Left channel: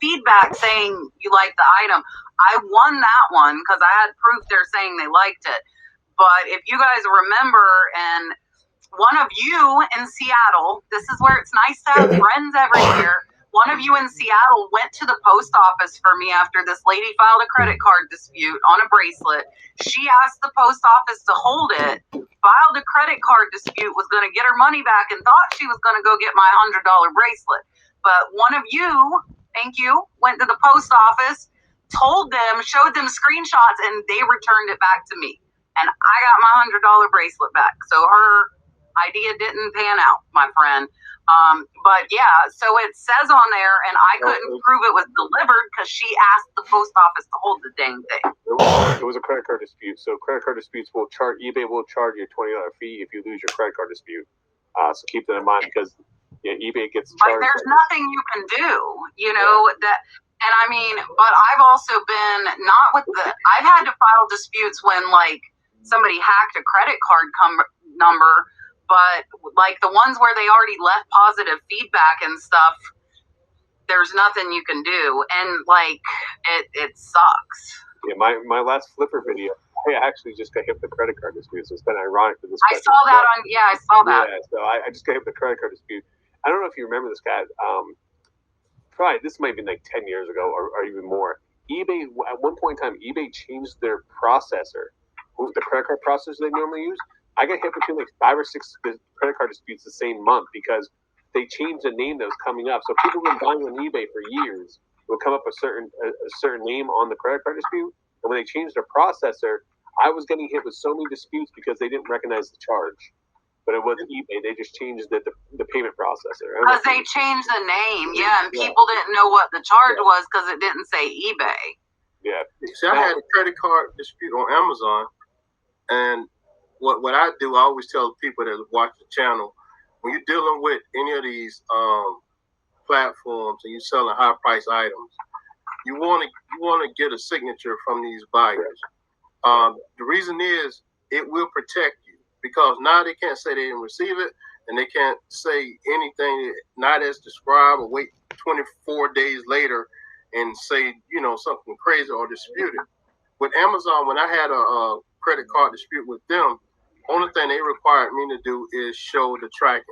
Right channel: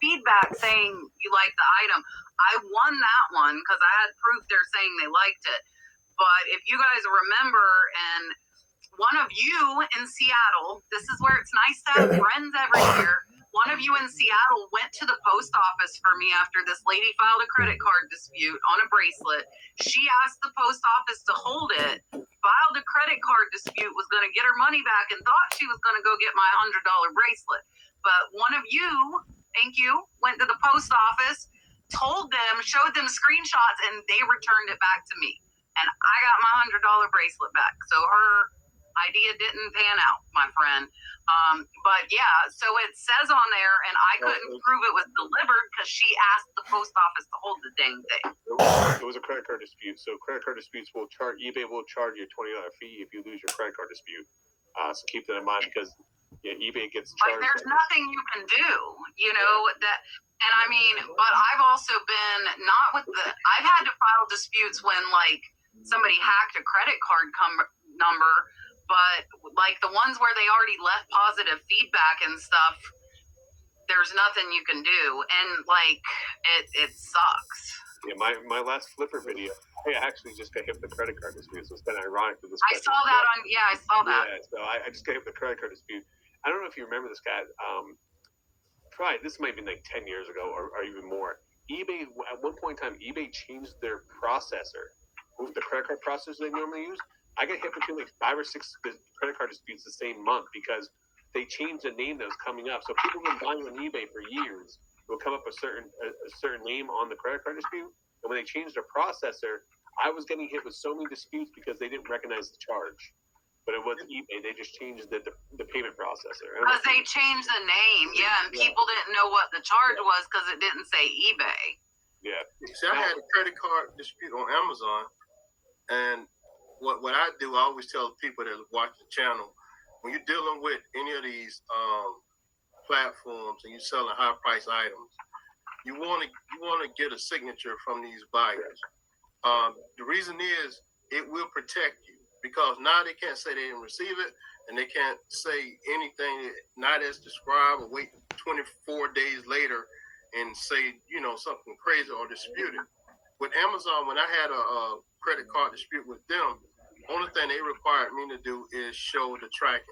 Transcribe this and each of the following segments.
feedback saying you liked the item. I won that one because I had proof they're saying they liked it. But if you guys remember, and one of you in Seattle, this is where it's nice to have friends everywhere. One of you in Seattle went to the post office for me after this lady filed a credit card dispute on a bracelet. She asked the post office to hold it, filed a credit card dispute, was going to get her money back, and thought she was going to go get my $100 bracelet. But one of you, thank you, went to the post office, told them, showed them screenshots, and they returned it back to me. And I got my $100 bracelet back. So her idea didn't pan out, my friend. But yeah, so it says on there, and I couldn't prove it was delivered because she asked the post office to hold the dang thing. It was a credit card dispute. So credit card disputes will charge, eBay will charge you a $20 fee if you lose your credit card dispute. So keep that in mind because eBay gets charged. Like there's nothing you can do, you know, that. And I mean, but I've also been I've had to file disputes when like somebody hacked a credit card number. But like the ones where they already left positive feedback and stuff, there's nothing you can do. And like, it sucks. Yeah, my last Flipper video, I actually just got hit with the credit card dispute. So it's been ironic for this. I saw that. Yeah, so I just got hit with the credit card dispute. I don't know if you remember this guy. Probably this might have been like 10 years ago or even more. eBay, at one point in time, eBay changed their processor, the credit card processor they normally use. I got hit between like 5 or 6 credit card disputes the same month because they changed the name that was coming up. So people have been buying on eBay for years. It would come up a certain name on the credit card dispute. And when they changed their processor, I was getting hit with so many disputes because they didn't recognize the charge. But it wasn't eBay. They just changed the payment processor. Because they changed the name, and people didn't know what the charge was because it didn't say eBay. Yeah. See, I had a credit card dispute on Amazon, and what I do, I always tell people that watch the channel, when you're dealing with any of these platforms and you're selling high price items, you want to get a signature from these buyers. The reason is it will protect you because now they can't say they didn't receive it and they can't say anything not as described or wait 24 days later and say, you know, something crazy or dispute it. With Amazon, when I had a credit card dispute with them, only thing they required me to do is show the tracking.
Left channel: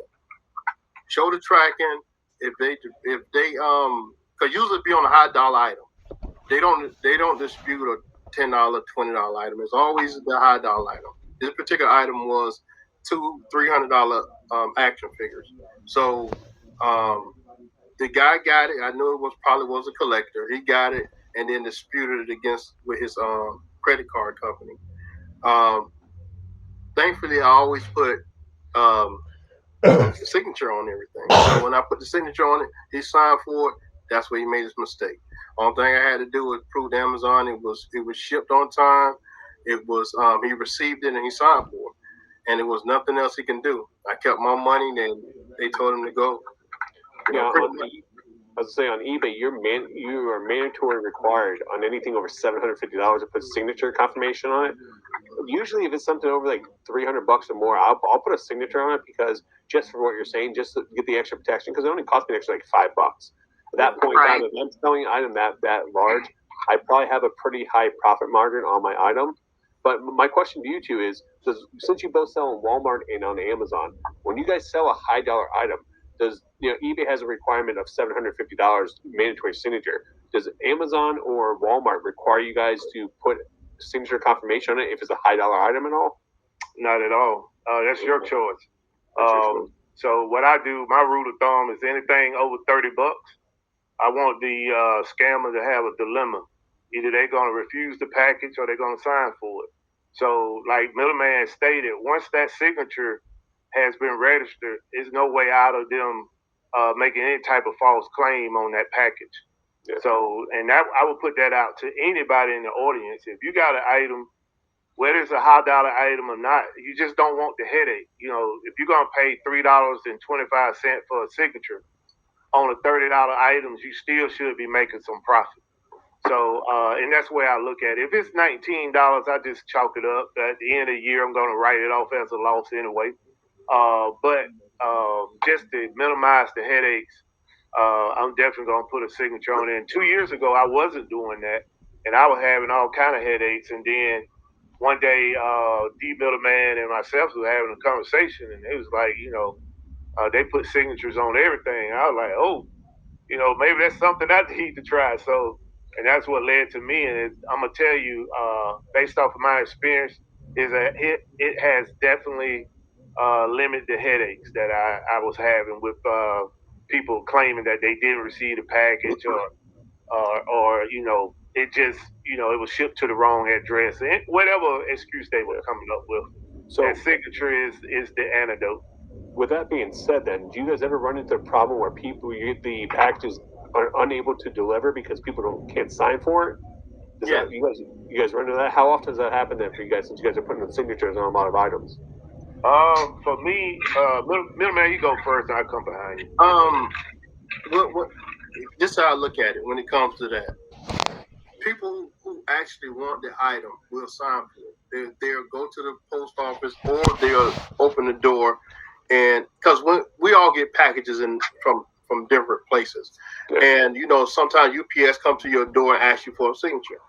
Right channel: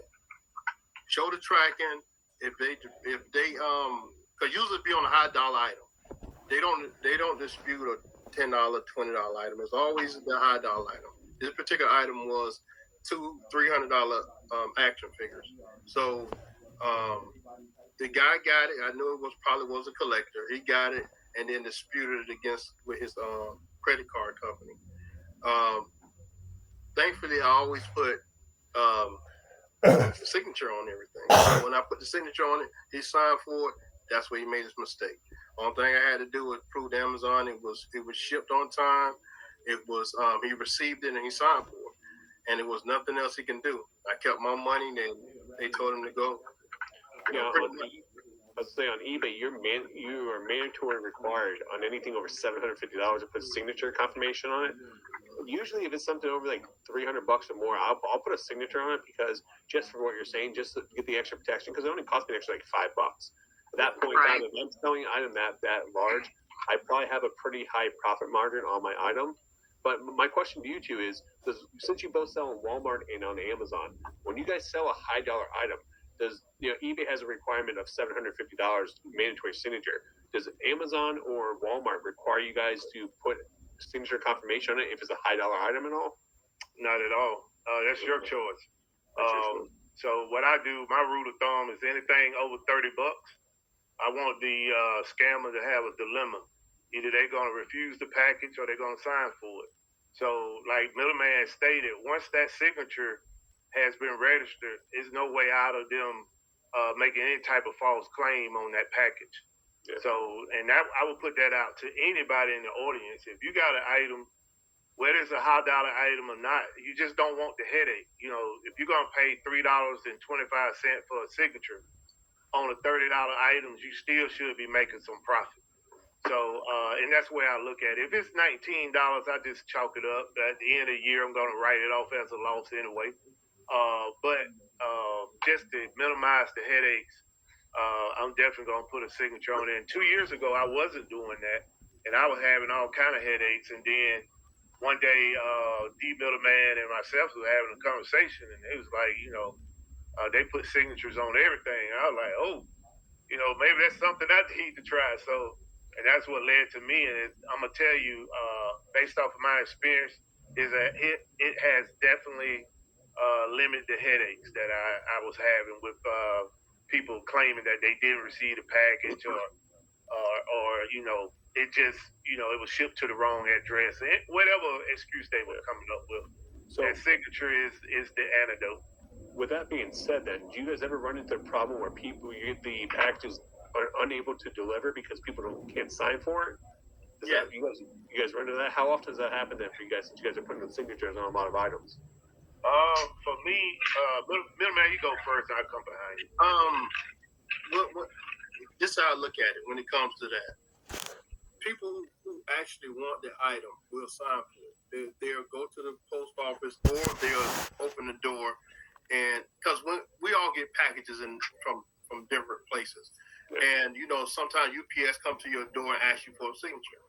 Show the tracking. If they because usually it be on a high dollar item. They don't dispute a $10, $20 item. It's always the high dollar item. This particular item was $200-$300 action figures. So the guy got it. I knew it probably was a collector. He got it and then disputed it with his credit card company. Thankfully, I always put signature on everything. So when I put the signature on it, he signed for it. That's where he made his mistake. Only thing I had to do was prove to Amazon it was shipped on time. It was he received it and he signed for it, and it was nothing else he can do. I kept my money, and they told him to go. Yeah, I was saying on eBay, you are mandatory required on anything over $750 to put signature confirmation on it. Usually, if it's something over like $300 or more, I'll put a signature on it because just for what you're saying, just to get the extra protection, because it only cost me an extra like $5. At that point, right. If I'm selling an item that large, I probably have a pretty high profit margin on my item. But my question to you two is, since you both sell on Walmart and on Amazon, when you guys sell a high dollar item, eBay has a requirement of $750 mandatory signature. Does Amazon or Walmart require you guys to put signature confirmation on it if it's a high dollar item at all? Not at all. That's your choice. So what I do, my rule of thumb is anything over $30, I want the scammer to have a dilemma. Either they're going to refuse the package or they're going to sign for it. So like Middleman stated, once that signature has been registered, there's no way out of them making any type of false claim on that package. Yeah. So, and that I would put that out to anybody in the audience. If you got an item, whether it's a high dollar item or not, you just don't want the headache. You know, if you're going to pay $3.25 for a signature on a $30 items, you still should be making some profit. So, and that's the way I look at it. If it's $19, I just chalk it up. At the end of the year, I'm going to write it off as a loss anyway. But just to minimize the headaches, I'm definitely gonna put a signature on it. And 2 years ago, I wasn't doing that, and I was having all kind of headaches. And then one day, D Middleman and myself were having a conversation, and it was like, they put signatures on everything. I was like, oh, maybe that's something I need to try. So, and that's what led to me. And I'm gonna tell you, based off of my experience, is that it has definitely limited the headaches that I was having with people claiming that they didn't receive the package or it just it was shipped to the wrong address and whatever excuse they were coming up with. So that signature is the antidote. with that being said, then, do you guys ever run into a problem where the packages are unable to deliver because people can't sign for it? Yeah. You guys run into that? How often does that happen then for you guys, since you guys are putting the signatures on a lot of items? For me, Middleman, you go first, and I'll come behind you. This is how I look at it when it comes to that. People who actually want the item will sign for it. They'll go to the post office or they'll open the door, and because we all get packages from different places, and sometimes UPS come to your door and ask you for a signature.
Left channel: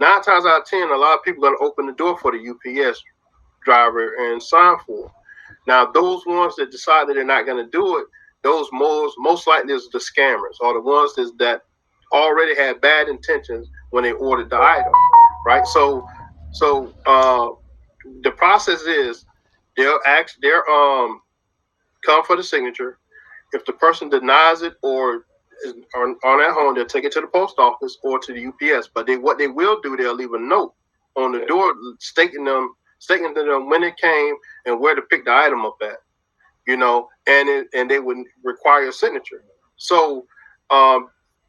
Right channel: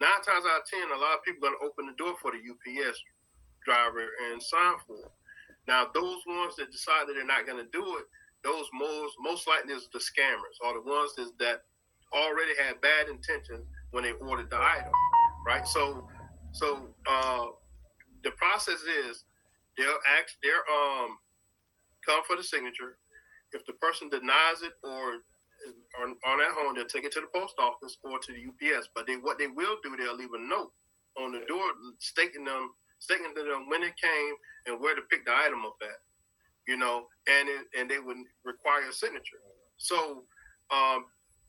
9 times out of 10, a lot of people are going to open the door for the UPS driver and sign for it. Now, those ones that decide that they're not going to do it, those most likely is the scammers, or the ones that already had bad intentions when they ordered the item, right? So the process is they'll come for the signature. If the person denies it or aren't at home, they'll take it to the post office or to the UPS. But what they will do, they'll leave a note on the door stating to them when it came and where to pick the item up at, and they would require a signature. So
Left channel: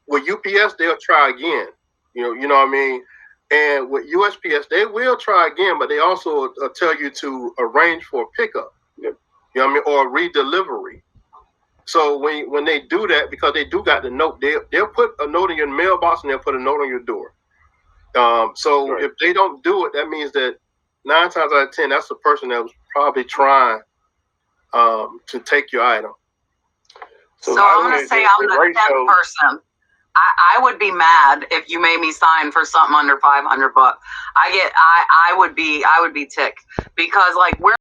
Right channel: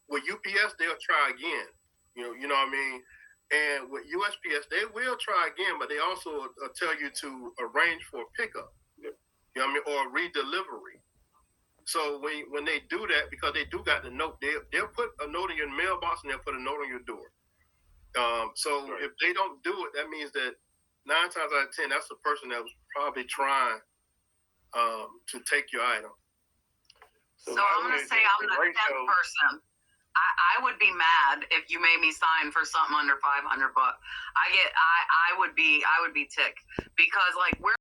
with UPS, they'll try again, you know what I mean? And with USPS, they will try again, but they also tell you to arrange for a pickup, you know what I mean, or redelivery. So when they do that, because they do got the note, they'll put a note in your mailbox and they'll put a note on your door. So Right. if they don't do it, that means that 9 times out of 10, that's the person that was probably trying to take your item. So I'm going to say I'm the 10th person. I would be mad if you made me sign for something under $500. I would be ticked because like we're